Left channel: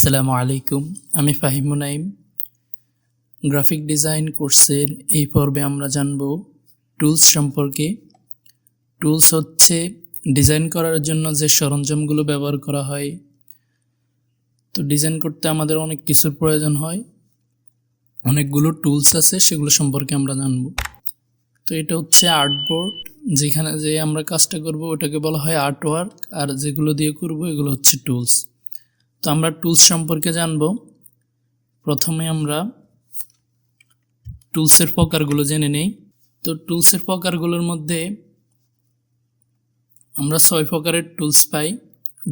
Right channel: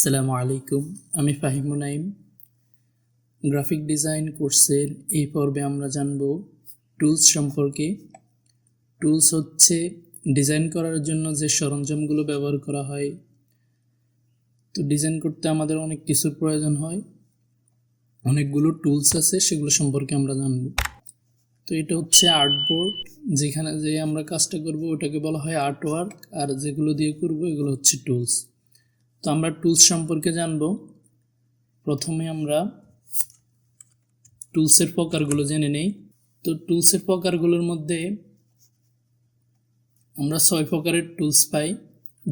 আসসালামু আলাইকুম, আমি ফাহিম মুনাইম। গ্রাফিক ডিজাইন কোর্সের এই পর্বে আমরা জানব টুলস সম্পর্কে। টুলস হচ্ছে ডিজাইন করার জন্য যে সরঞ্জামগুলো ব্যবহার করা হয়। তো ডিজাইন করতে আমাদের অনেক কিছুর প্রয়োজন হয়, অনেকগুলো টুলস আছে, সেগুলো সম্পর্কে আমরা জানব। তো এটা হচ্ছে আর্টবোর্ড, যেখানে যে আমরা কাজটা করব ওটাকে বলা হয় আর্টওয়ার্ক, আর যেগুলো দিয়ে করব এগুলো হচ্ছে টুলস। তো আমরা টুলস সম্পর্কে জানব। প্রথমে আমরা টুলসের প্রকারগুলো জেনে নেই। তো টুলসের প্রকারগুলোর মধ্যে আমরা 6 প্রকারের টুলস পাই:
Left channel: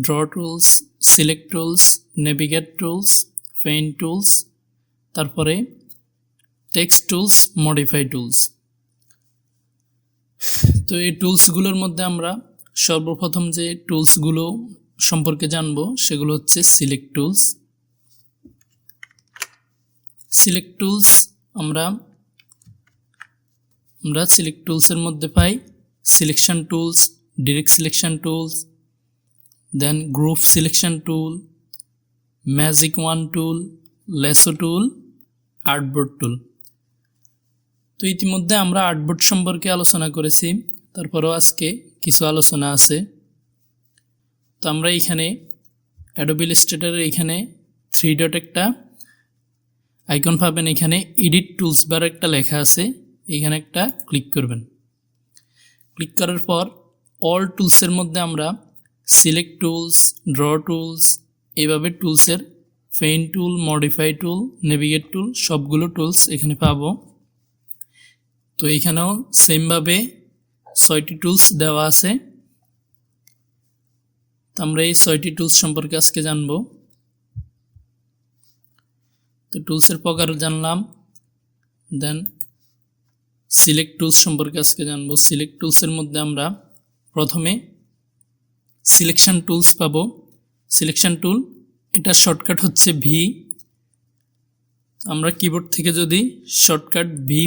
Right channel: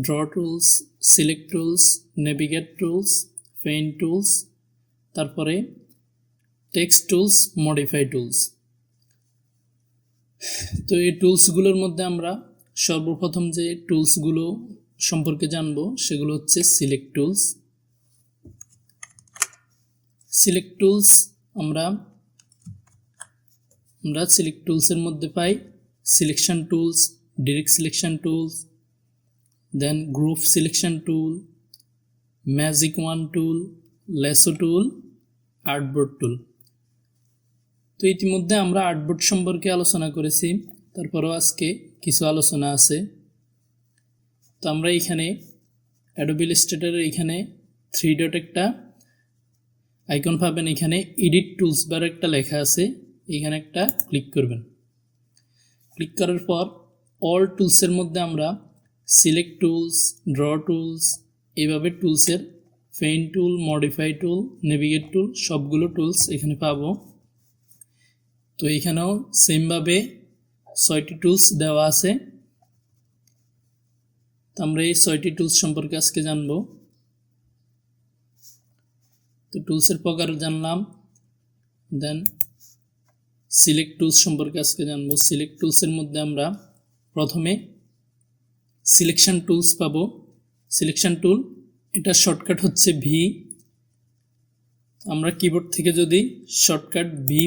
draw tools, select tools, navigate tools, paint tools, তারপরে টেক্সট টুলস, মডিফাই টুলস। তো এই টুলসগুলোর মধ্যে আমরা সর্বপ্রথম যে টুলসগুলো সম্পর্কে জানব সেগুলো হচ্ছে সিলেক্ট টুলস। সিলেক্ট টুলস আমরা সিলেক্ট টুলসের মধ্যে পাই selection tools, direct selection tools, then group selection tool, magic wand tool, lasso tool, artboard tool. তো ইতিমধ্যে আমরা আর্টবোর্ড সম্পর্কে আলোচনা করেছি, তারপরেও আজকে কিছু আলোচনা আছে। তো আমরা এখানে অ্যাডোবি ইলাস্ট্রেটরের এখানে 3 ডট একটা আইকন পাবেন, এখানে এডিট টুলস বার একটা লেখা আছে, এখানে একটা ক্লিক করবেন। ক্লিক করার পর অল টুলসের মধ্যে আমরা সিলেক্ট টুলস, ড্র টুলস, এইভাবে টুলসের পেইন্ট টুল, মডিফাই টুল, নেভিগেট টুল, সবগুলো টুলস এখানে পাবো। তো এখানেও সেমভাবে 6টি টুলস দেওয়া আছে। তো আমরা এই 6টি টুলস সম্পর্কে আজকে জানব। তো টুলসের প্রকার জানলাম, দেন সিলেক্ট টুলস সম্পর্কে আজকে জানবো। সিলেক্ট টুলসের মধ্যে আমরা প্রথমে সিলেকশন টুলস পাবো। সিলেকশন টুল, এটা শর্টকাট হচ্ছে ভি। আমরা কিবোর্ড থেকে যদি শর্টকাট ভি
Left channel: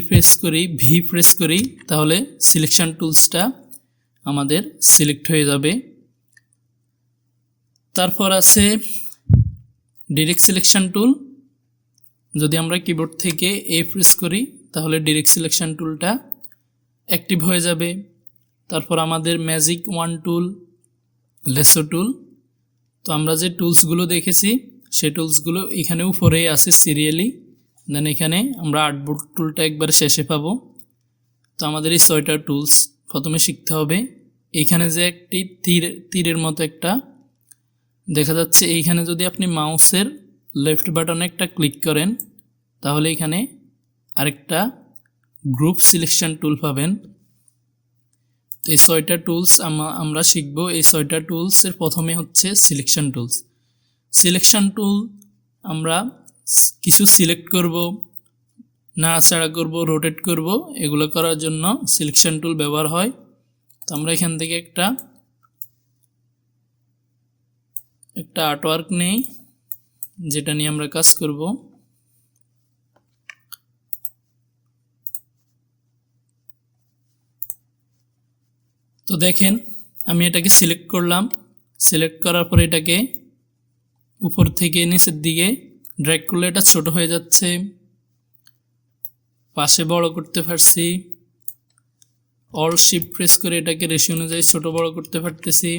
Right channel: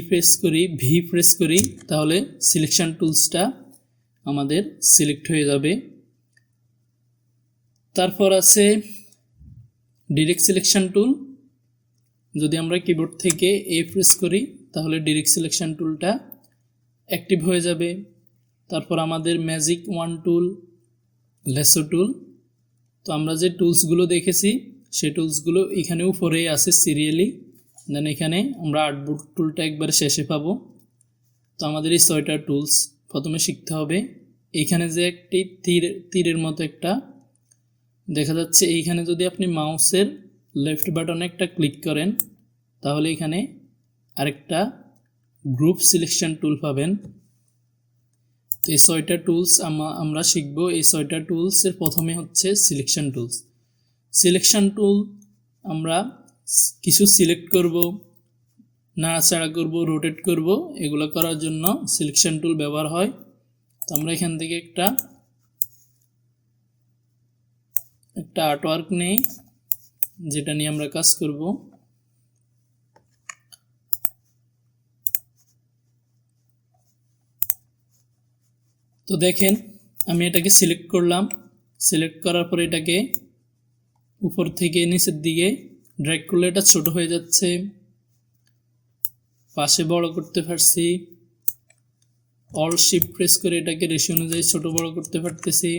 প্রেস করি তাহলে সিলেকশন টুলসটা আমাদের সিলেক্ট হয়ে যাবে। তারপর আছে ডিরেক্ট সিলেকশন টুল, যদি আমরা কিবোর্ড থেকে প্রেস করি তাহলে ডিরেক্ট সিলেকশন টুলটা অ্যাক্টিভ হয়ে যাবে। তারপর আমাদের ম্যাজিক ওয়ান টুল, লেসো টুল। তো আমরা যে টুলসগুলো দেখেছি সেই টুলসগুলো এখানে উপরেই আছে সিরিয়ালি। দেন এখানে আমরা আর্টবোর্ড টুলটা একবারে শেষে পাবো। তো আমাদের এই 6টা টুলস প্রথমে শিখতে হবে। এইখানে যে একটি তীরের মতো একটা দেখা যাচ্ছে, এইখানে যদি আপনি মাউসের লেফট বাটনে একটা ক্লিক করেন তাহলে এখানে আরেকটা গ্রুপ সিলেকশন টুল পাবেন। তো এই 6টা টুলস আমরা শিখব। এই 6টা টুলসের প্রথমে হচ্ছে সিলেকশন টুলস। সিলেকশন টুল আমরা কিছু সিলেক্ট করব, নাড়াচাড়া করব, রোটেট করব, এগুলো করার জন্য সিলেকশন টুল ব্যবহার হয়। তো আমরা এখান থেকে একটা আর্টওয়ার্ক নেই, যেটা নিয়ে আমরা কাজ করব। তো দেখেন আমি এটাকে সিলেক্ট করলাম। সিলেক্ট করার পর এটাকে উপর থেকে নিচের দিকে ড্র্যাগ করলে এটা ছোট হয়ে যাচ্ছে, পাশে বড় করতে পারছি। অল শিফট প্রেস করে এটাকে রেশিও অনুযায়ী ছোট বড় করতে পারতেছি।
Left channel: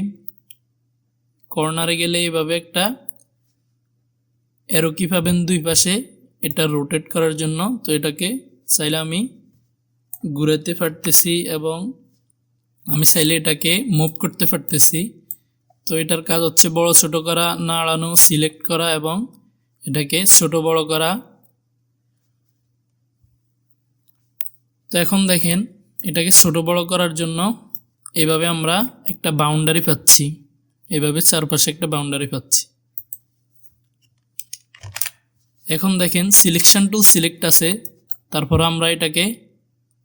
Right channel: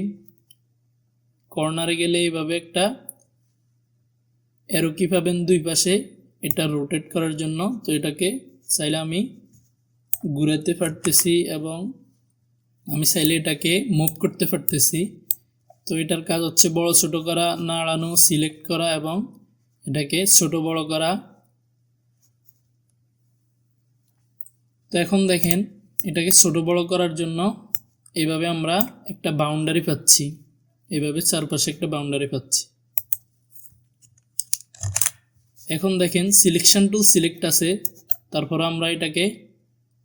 কর্নারে গেলে এইভাবে একটা অ্যারো কি পাবেন দুই পাশে, এটা রোটেট করার জন্য। তো এটাকে চাইলে আমি ঘুরাতে পারতেছি এবং আমি চাইলে এটাকে মুভ করতে পারতেছি। তো এটার কাজ হচ্ছে বড় ছোট করা, নাড়ানো, সিলেক্ট করা এবং এটাকে ছোট বড় করা। তো এখন দেখেন এটাকে ছোট বড় করার জন্য এইভাবে আমরা একটা বাউন্ডারি পাচ্ছি, এইভাবে চারপাশে একটা বাউন্ডারি পাচ্ছি। এখন দেখেন সিলেকশন টুল সিলেক্ট আছে, তারপর আমরা এটাকে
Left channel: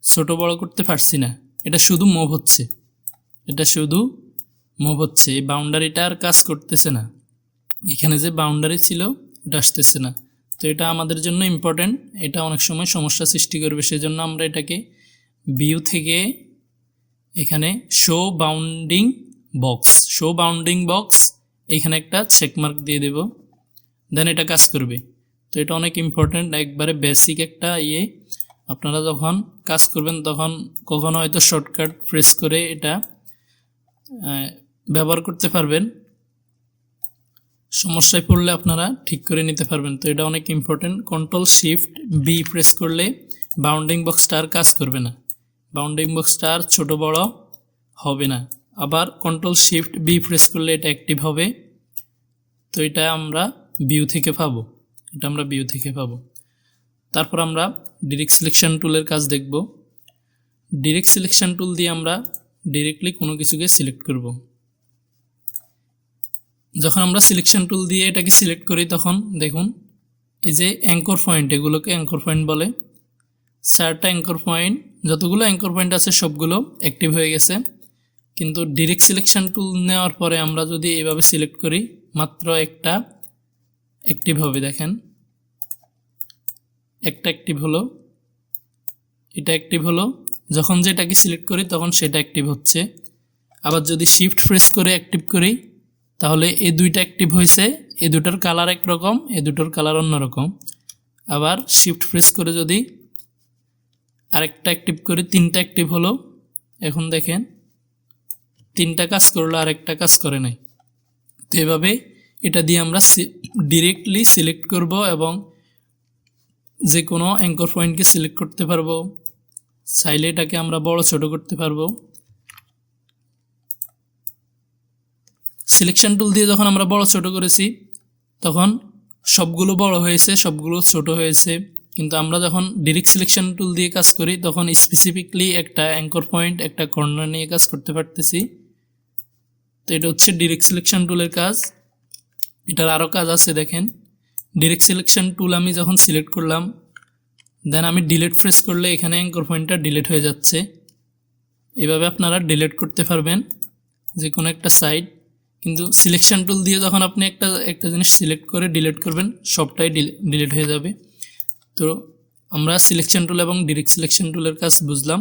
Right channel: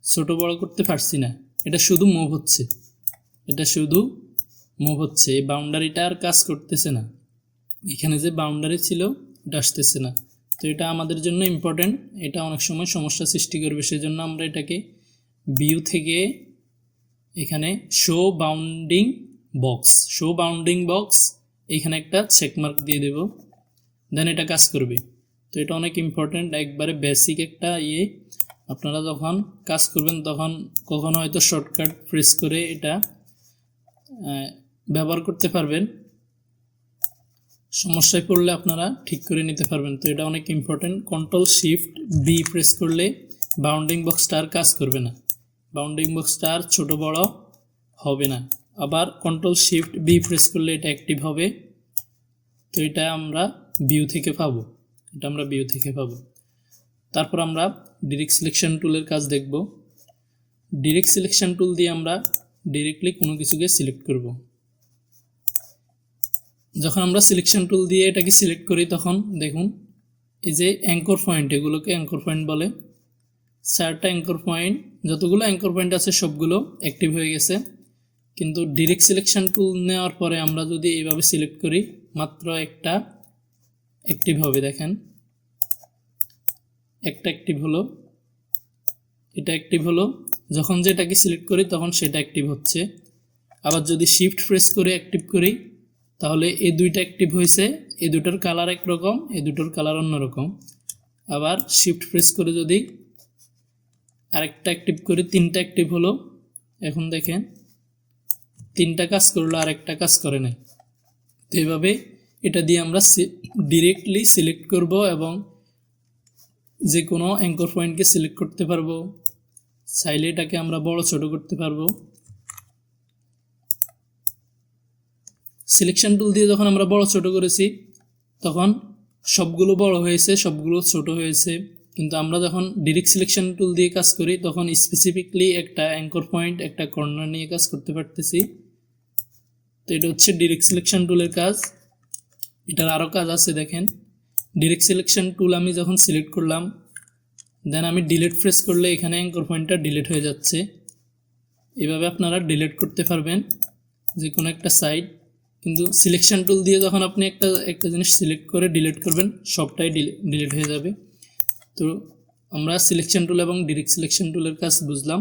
ছোট বড় করতে পারছি না, এটা শুধু মুভ হচ্ছে, এই বাউন্ডারিটা আর কাজ করতেছে না। এখানে যে বাউন্ডারি ছিল ওটা আসতেছে না। তো এটা আমাদের জন্য ইম্পর্টেন্ট, এটা অনেক সময় সমস্যা সৃষ্টি করবে। সেজন্য আমরা এটাকে ভিউ থেকে এখানে শো বাউন্ডিং বক্স এখানে একটা চেকমার্ক দিয়ে দেব। দেন এটা কাজ করবে। তো এটা অনেক ইম্পর্ট্যান্ট, একবারে বেসিক একটা ইয়ে। আপনারা যখন কাজ করবেন তখন কখনো হয়তো শর্টকাট প্রেস করে এটা ব্যবহার করতে পারবেন, সমস্যায় পড়লে আপনারা ঠিক করে নিতে পারবেন। তো এটা অনেক important. Control shift B press করলে বাউন্ডিং বক্সটা আর কাজ করবে না, বাউন্ডিং বক্সটা আর ছোটো বড় হবে না। আবার কন্ট্রোল শিফট বি প্রেস করলে এটা অ্যাক্টিভ হবে। তো এটা আমরা ভিউ থেকে পাবো, এটা আমরা ভিউ থেকে পাবো। তারপর আমরা ডিরেক্ট সিলেকশন টুলের কাজ দেখব। ডিরেক্ট সিলেকশন টুল দিয়ে আমরা ডিরেক্টলি কোনো কিছুকে সিলেক্ট করব। যখন আমরা সিলেকশন টুল দিয়ে এটাকে সিলেক্ট করি তখন দেখুন এই যে অ্যাঙ্কর পয়েন্ট, এগুলোকে অ্যাঙ্কর পয়েন্ট বলে। 4টা অ্যাঙ্কর পয়েন্ট, যতগুলো অ্যাঙ্কর পয়েন্ট আছে সবগুলো অ্যাক্টিভ হয়ে গেছে। কিন্তু ডিরেক্ট সিলেকশন টুল নেওয়ার পরে আমরা যদি এইভাবে সিলেক্ট করি মাত্র একটা অ্যাক্টিভ হবে। দেখেন একটা অ্যাক্টিভ হলো, এটা অ্যাক্টিভ হলো। যখন যেটাকে সিলেক্ট করি তখন সেটা অ্যাক্টিভ হচ্ছে। আবার যদি শিফট প্রেস করে অ্যাক্টিভ করি তাহলে এই দুইটা অ্যাক্টিভ হয়েছে, এই দুটোর কালার একরকম, এই দুটোর কালার অন্যরকম। আবার শিফট প্রেস করে যদি আরেকটা অ্যাক্টিভ করি, 3টা অ্যাক্টিভ হলো। এখন দেখেন 3টা কাজ করলো, আরেকটা কাজ করে নাই। তো এভাবে এটা দিয়ে আমরা ডিরেক্টলি সিলেক্ট করব এবং যে কোনো অ্যাঙ্কর পয়েন্টকে সিলেক্ট করতে পারবো। চাইলে এটাকে আমরা বড় ছোট করতে পারবো। সিলেকশন টুল দিয়ে যখন আমরা বড় ছোট করেছি তখন সবগুলো বড় হয়েছে, সবগুলো ছোট হয়েছে। কিন্তু আমরা যখন ডিরেক্ট সিলেকশন টুল দিয়ে কাজ করি তখন স্পেসিফিকলি একটা অ্যাঙ্কর পয়েন্ট, একটা কর্নার নিয়ে কাজ করতে পারতেছি। তো এটা হচ্ছে ডিরেক্ট সিলেকশন টুলের কাজ। এটার আরও কাজ আছে দেখেন। ডিরেক্ট সিলেকশন টুল আমি যখন সিলেক্ট করলাম দেন আমি ডিলিট প্রেস করলে এখানে অ্যাঙ্কর পয়েন্টটা ডিলিট হয়ে যাচ্ছে। এভাবে আপনারা ডিলিট করতে পারবেন যে কোনো একটা সাইড। কিন্তু সিলেকশন টুল দিয়ে যখন আপনি একটা জিনিস সিলেক্ট করে ডিলিট করবেন সবটাই ডিলিট হয়ে যাবে। তো আমরা সিলেকশন টুল এবং ডিরেক্ট সিলেকশন টুলের কাজ বুঝলাম।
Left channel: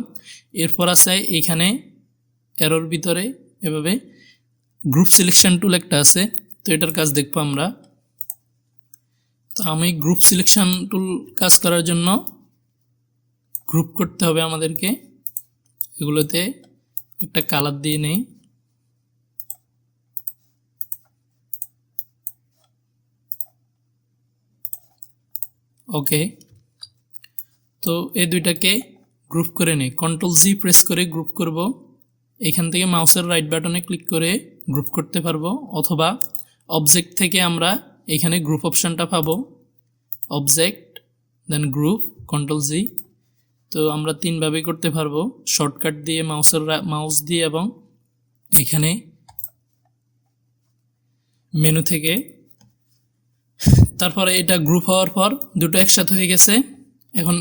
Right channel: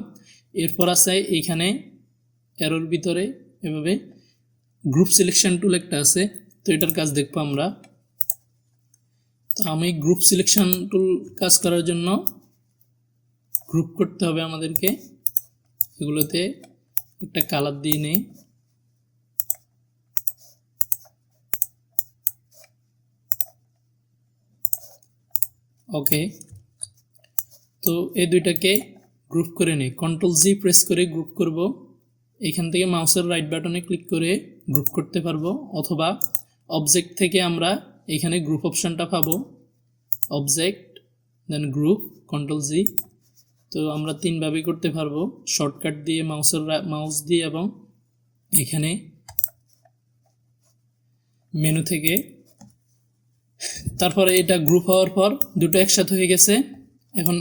এরপর আছে এইখানে এরোর ভিতরে এভাবে গ্রুপ সিলেকশন টুল একটা আছে, তো এটার কাজ দেখবো আমরা। তো আমি গ্রুপ সিলেকশন টুল কাজ করার জন্য গ্রুপ করতে হবে আমাদেরকে। এগুলোতে একটা কালার দিয়ে নেই। ওকে, তো এই দুইটাকে গ্রুপ করে নিই। কন্ট্রোল জি প্রেস করে গ্রুপ করব। এখান থেকে মাউসের রাইট বাটনে ক্লিক করে গ্রুপ করতে পারবো, অথবা অবজেক্ট থেকে আমরা এখানে গ্রুপ অপশানটা পাবো। Object then group, control G. তো আমরা 3ভাবে করতে পারবো, শর্টকাট দিয়ে মাউস দিয়ে এবং এখানে মেনু থেকে। তারপরে এটা গ্রুপ হওয়ার পর দুটো একসাথে হয়ে গেছে, এখন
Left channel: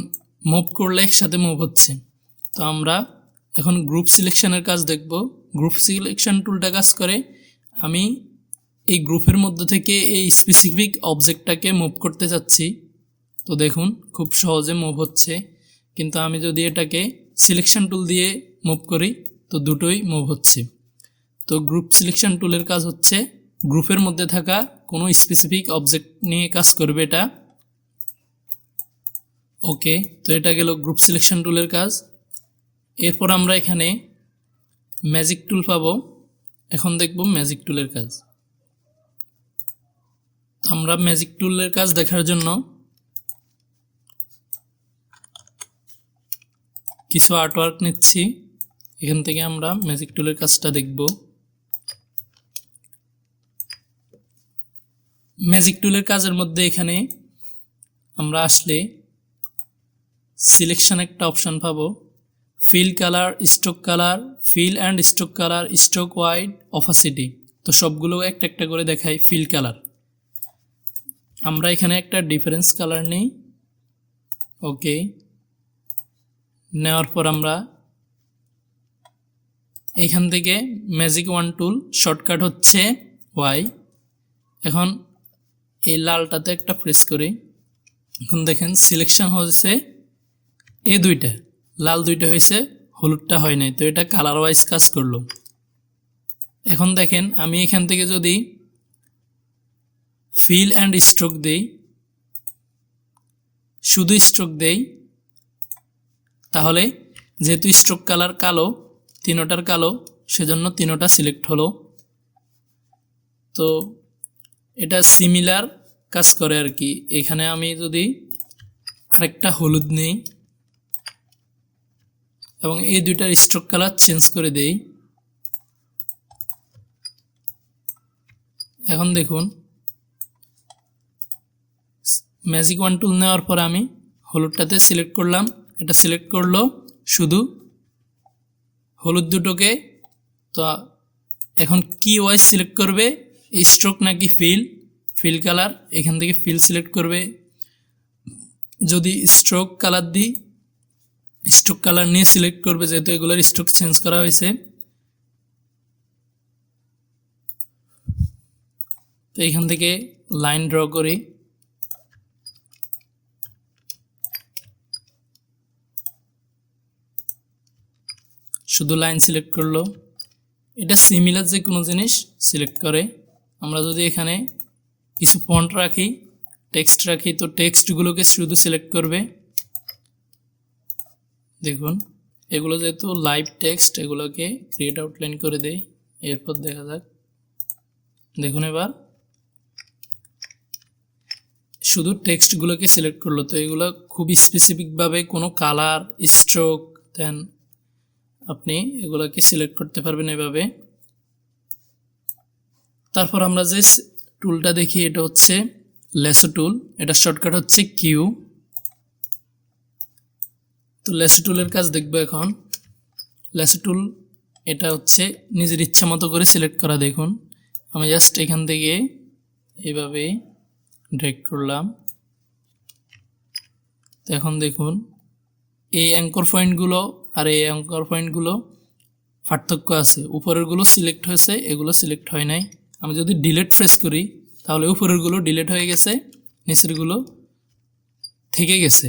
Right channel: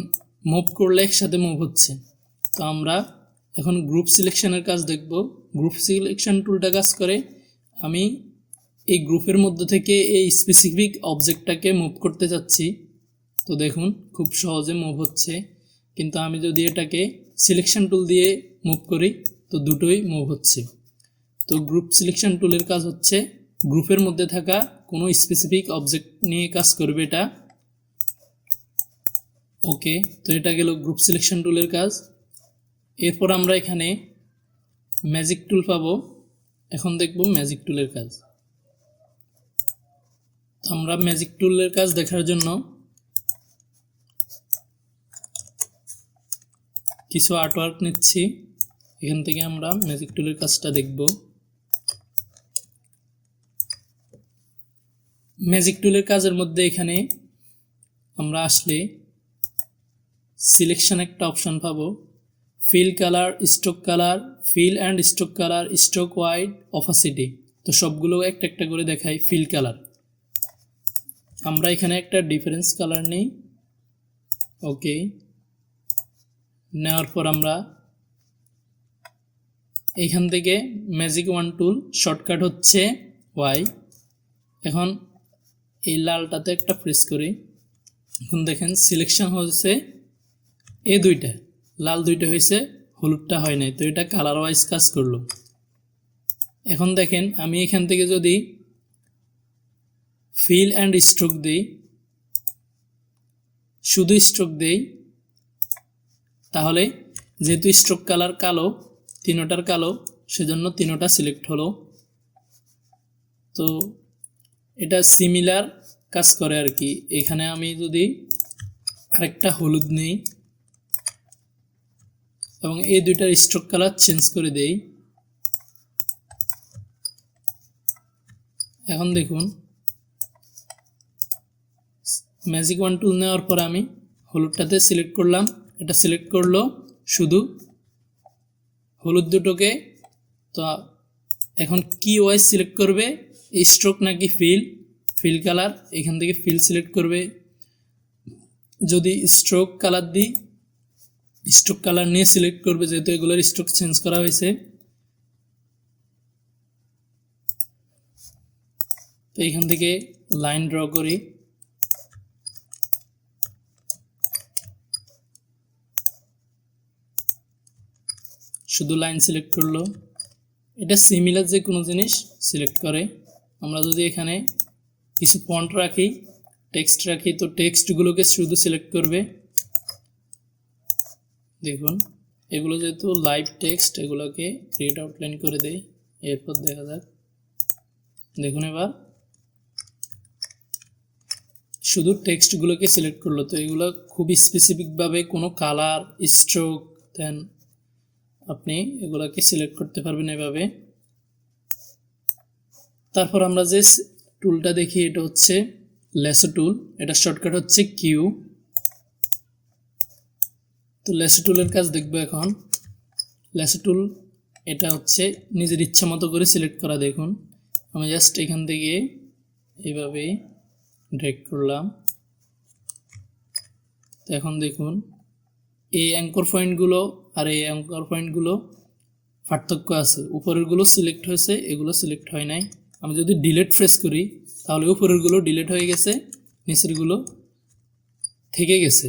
মুভ করলে একসাথে মুভ হচ্ছে। তো আমরা এখন গ্রুপ সিলেকশনের কাজ দেখব। গ্রুপ সিলেকশন টুলটা কাজ করে আমি এই গ্রুপের মধ্যে থেকে এই স্পেসিফিক অবজেক্টটাকে মুভ করতে চাচ্ছি। তো দেখুন খুব সহজে মুভ হচ্ছে। কিন্তু আমি যদি এটাকে সিলেকশন টুল দিয়ে মুভ করি তো দুটোই মুভ হচ্ছে। তো গ্রুপ সিলেকশন টুলের কাজ হচ্ছে গ্রুপের মধ্যে থাকা কোনো স্পেসিফিক অবজেক্ট নিয়ে কাজ করবে এটা। ওকে, তো এটা গেল গ্রুপ সিলেকশন টুলের কাজ। এরপর আমরা এখানে ম্যাজিক টুল পাবো। এখন দেখব ম্যাজিক টুলের কাজ। তো আমরা ম্যাজিক টুলের কাজ দেখার জন্য কিছু আর্টওয়ার্ক নিচ্ছি। এখান থেকে আমরা ম্যাজিক টুলের কাজটা দেখব। ম্যাজিক টুলের কাজের মধ্যে এখানে আমরা আসলে সিলেকশন একটা অপশন পাবো। Fill colour, stroke colour, fill and stroke colour, stroke wide, opacity. তো সবগুলো একটা একটা করে দেখাই। ফিল কালার, আমরা এখানে একটা ডিফারেন্স কালার নিই। ওকে, নেওয়ার পর আমরা এখান থেকে ম্যাজিক ওয়ান টুল, শর্টকাট হচ্ছে ওয়াই। এখন এই লালটাতে একটা প্রেস করি। এখন দেখেন সিলেকশন হয়েছে এই দুইটা, লাল দুইটা হয়েছে, হলুদটা হয় নাই। তো এটা কালার ওয়াইজ কাজ করলো। এখন দেখেন আমি এখান থেকে যদি ফিল অ্যান্ড স্ট্রোক দেই, শুধু স্ট্রোক দেই, তাহলে যেহেতু স্ট্রোক কালার কালো, তিনোটার কালো, সেজন্য তিনোটা সিলেক্ট হলো। তো এটা সিমিলার কাজ করে আর কি। এখানে আমি যদি আরেকটা হলুদ নেই এবং এই দুইটার স্ট্রোক কালার চেঞ্জ করে দেই, এখন দেখুন ম্যাজিক ওয়ান টুল নেওয়ার পর আমি হলুদটাতে সিলেক্ট করলাম, এটা সিলেক্ট করলো শুধু হলুদ দুটোকে। তো এখন কি ওয়াইজ সিলেক্ট করবে, স্ট্রোক নাকি ফিল কালার, এখান থেকে ফিল সিলেক্ট করবে। যদি স্ট্রোক কালার দিই, স্ট্রোক কালার নিয়ে সিলেক্ট করবে, যেহেতু এগুলোর স্ট্রোক চেঞ্জ করা হয়েছে। তো এখান থেকে লাইন ড্র করি, শুধু লাইন সিলেক্ট করলো। এটা সিমিলার যে কোনো জিনিস সিলেক্ট করে। আমরা যদি এখানে কিছু ফন্ট রাখি, টেক্সট রাখি, তো টেক্সটগুলোকে শুধু সিলেক্ট করবে। দেখুন এগুলো যেহেতু লাইভ টেক্সট, এগুলোকে ক্রিয়েট আউটলাইন করে দেই, এরপর দেখা যাক। দেখুন এবার শুধু টেক্সটগুলোকে সিলেক্ট করলো। তো এগুলো খুব স্পেসিফিকভাবে কোনো কালার, স্ট্রোক, দেন আপনি এগুলোকে সিলেক্ট করতে পারবেন এভাবে। তারপর আমরা যে টুলটা দেখি, এটা হচ্ছে ল্যাসো টুল, এটা শর্টকাট হচ্ছে কিউ। তো ল্যাসো টুলের কাজ দেখবো এখন। ল্যাসো টুল এটা হচ্ছে নিজের ইচ্ছা মতো করে সিলেক্ট করা। দেখুন আমি জাস্ট এখান থেকে এইভাবে ড্র্যাগ করলাম। তো এখন দেখুন এই অ্যাঙ্কর পয়েন্টগুলো আর এই অ্যাঙ্কর পয়েন্টগুলো পার্থক্য আছে। উপরেরগুলো সিলেক্ট হয়েছে, এগুলো সিলেক্ট হয় নাই। আমি যদি ডিলিট প্রেস করি তাহলে উপরেরগুলো ডিলিট হয়ে গেছে, নিচেরগুলো থেকে গেছে।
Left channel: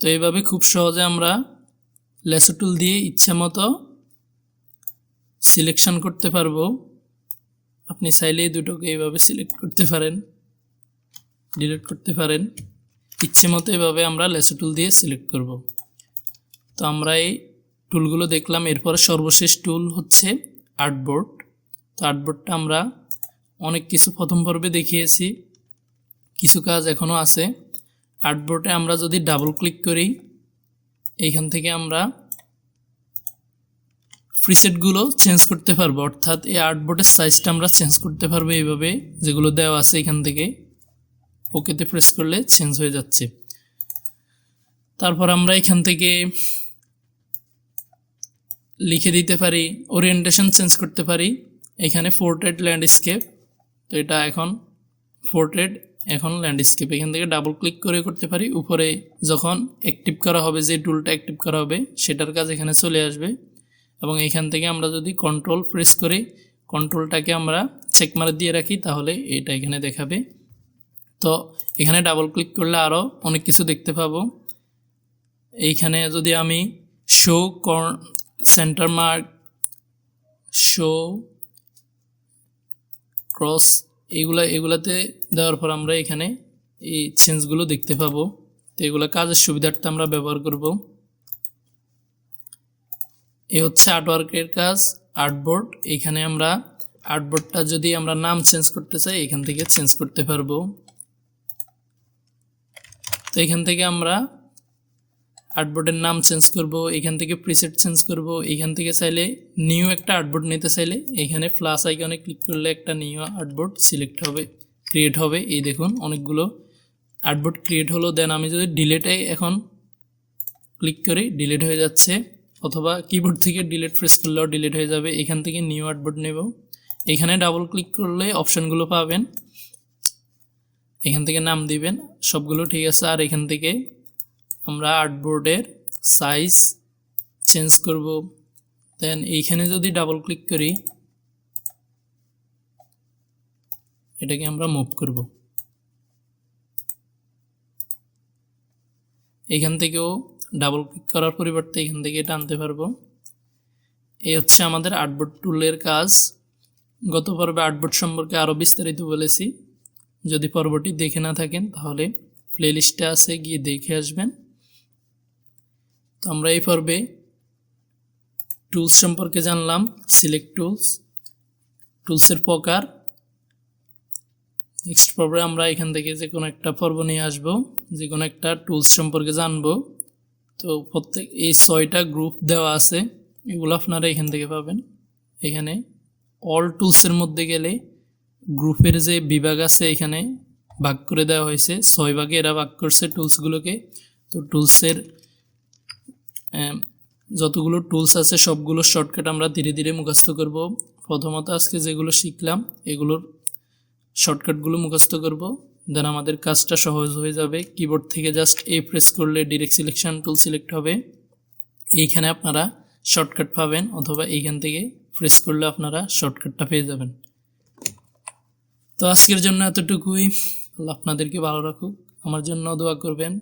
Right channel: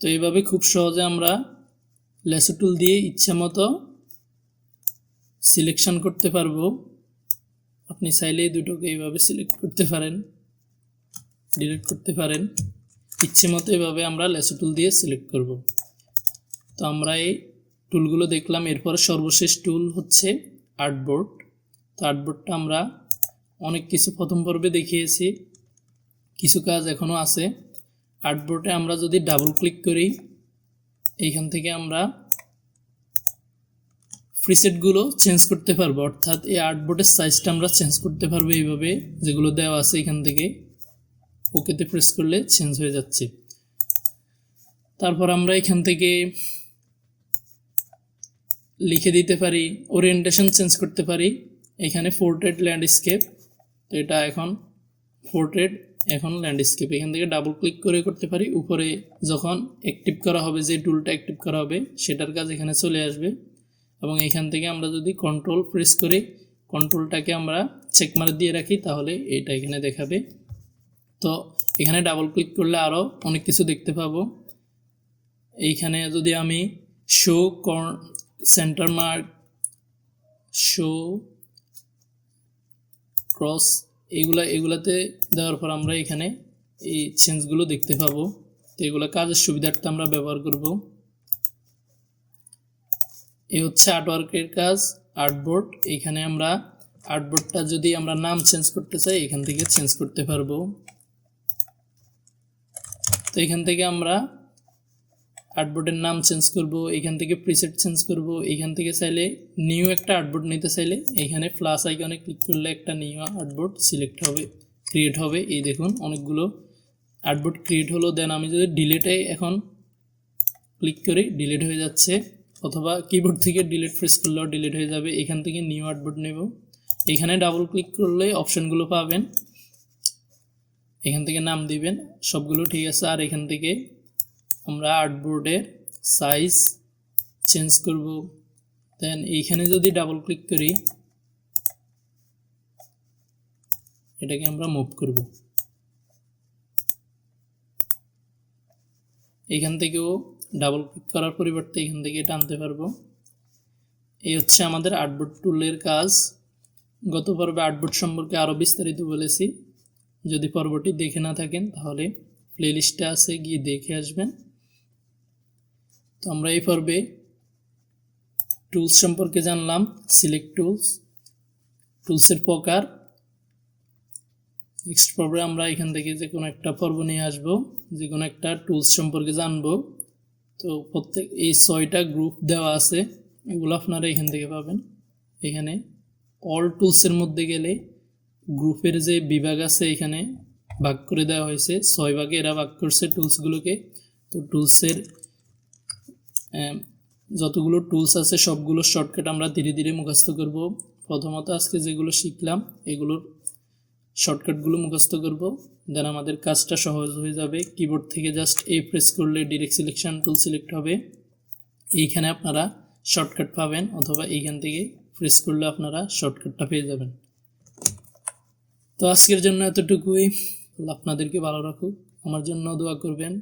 তো এইভাবে খুব সহজে আমরা ল্যাসো টুল দিয়ে ইচ্ছা মতো সিলেকশন করতে পারবো। আপনি চাইলে এই দুটোকে এইভাবে সিলেক্ট করতে পারেন, ডিলিট করতে পারেন, ইচ্ছে মতো এভাবে আমরা ল্যাসো টুল দিয়ে সিলেক্ট করব। তো আমরা এই টুলগুলো দেখলাম। এরপরে সর্বশেষ টুল হচ্ছে আর্টবোর্ড। তো আর্টবোর্ডটা আমরা অনেক কিছু প্রথম পর্বে দেখিয়েছি, কিছু কাজ এখনও আছে। আর্টবোর্ডে আমরা যদি ডাবল ক্লিক করি, এইখান থেকে আমরা প্রিসেটগুলো চেঞ্জ করতে পারবো, অর্থাৎ এই আর্টবোর্ডের সাইজটা আমরা চেঞ্জ করতে পারবো এইভাবে, যেগুলো দেওয়া আছে এখান থেকে ওকেতে প্রেস করলে চেঞ্জ হয়ে যাচ্ছে। তারপর আমরা এখান থেকে লিখে দিতে পারি, ওরিয়েন্টেশন চেঞ্জ করতে পারি। এখানে পোর্ট্রেট ল্যান্ডস্কেপ, তো এটা এখন পোর্ট্রেট, এখন ল্যান্ডস্কেপ। এখান থেকে ডাবল ক্লিক করে করতে পারি। উপরে যখন অ্যাক্টিভ করা হবে, যে টুলটা অ্যাক্টিভ করা হবে সেটার কাজ এখানে চলে আসবে। এবং এখান থেকে আমরা যদি কন্ট্রোল প্রেস করি, কন্ট্রোলটাকে আমরা চেকমার্ক দিয়ে রাখি, তাহলে এটা এখানে দেখাবে। তো এখানে ডাবল ক্লিক করলে আরও অনেক কিছু দেখতে পাবো। এইখানে যদি আমি show centre mark, show cross, এগুলাতে দেওয়ার পর আমরা এখানে এই চেঞ্জগুলো দেখতে পাবো। তো এগুলো কাজের সুবিধার্থে আমরা ব্যবহার করব। এই হচ্ছে আর্টওয়ার্কের কাজ, আর্টবোর্ড। এখানে আমরা আর্টবোর্ডটা যদি আমরা নাম চেঞ্জ করতে চাই, এখান থেকে চেঞ্জ করতে পারবো। তো এখান থেকে আমরা আর্টবোর্ডের নাম চেঞ্জ করব, এখান থেকে প্রিসেট চেঞ্জ করব। এখান থেকে চাইলে নিউ একটা আর্টবোর্ড নিতে চাইলে এখানে প্লাস আইকনে ক্লিক করলে একটা নিউ আর্টবোর্ড সিলেক্ট হবে, ক্রিয়েট হবে। এই দেখুন অনেকগুলো আর্টবোর্ড ক্রিয়েট হলো। দেন আমি যদি ডিলিটে এখন ক্লিক করি, ডিলিট হয়ে যাচ্ছে, অথবা কিবোর্ড থেকে ডিলিট প্রেস করলেও ডিলিট হয়ে যাবে। এখান থেকে নিউ আর্টবোর্ড নেব, এখানে ডাবল ক্লিক করলে অপশানগুলো পাবেন, এখান থেকে নাম দিবেন, সবগুলো ঠিক আছে। আর এখান থেকে আমরা আর্টবোর্ডের সাইজ চেঞ্জ করব। দেন এইখানে যদি ডাবল ক্লিক করি, এটাকে আমরা মুভ করব। এখান থেকেও ডাবল ক্লিক করার পরিবর্তে এখান থেকে টানতে পারবো। এই হচ্ছে আমাদের আর্টবোর্ড টুলের কাজ। গত পর্বে আর্টবোর্ড সম্পর্কে আরও বিস্তারিত বলেছি। যদি পর্বটি দেখে না থাকেন তাহলে প্লেলিস্টে আছে, গিয়ে দেখে আসবেন। তো আমরা এই পর্বে টুলস সম্পর্কে জানলাম, সিলেক্ট টুলস, টুলসের প্রকার। নেক্সট পর্বে আমরা এখান থেকে যে কোনো একটা পর্ব নিয়ে আসব, যে কোনো একটা টুলস সম্পর্কে জানবো। তো প্রত্যেক এই 6টা গ্রুপ দেওয়া আছে, এগুলো আপনারা এখান থেকে পাবেন। এখানে অল টুলসের মধ্যে গেলে গ্রুপের যে বিভাগ আছে এখানে ভাগ করে দেওয়া হয়েছে, 6 ভাগে এরা ভাগ করছে টুলসগুলোকে। তো টুলসের যতগুলো টুলস আছে সবগুলো শর্টকাট আমরা ধীরে ধীরে মুখস্থ করব। প্রথমত আজকে যেগুলো শিখলাম এগুলোর শর্টকাটগুলো মুখস্থ করব, দেন আমাদের কাজটা সহজ হয়ে যাবে। কিবোর্ড থেকে জাস্ট প্রেস করলে ডিরেক্ট সিলেকশন টুল সিলেক্ট হবে, এইখানে আপনারা শর্টকাট পাবেন, অথবা এইখান থেকে প্রেস করলে আপনারা শর্টকাটটা পেয়ে যাবেন। তো আজকের জন্য এতটুকুই। আল্লাহ আপনাদেরকে ভালো রাখুক, আমার জন্য দোয়া করবেন।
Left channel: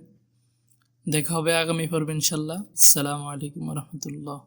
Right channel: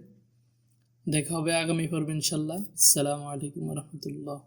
দেখা হবে আগামী পর্বে ইনশাল্লাহ। আসসালামু আলাইকুম রহমতুল্লাহ।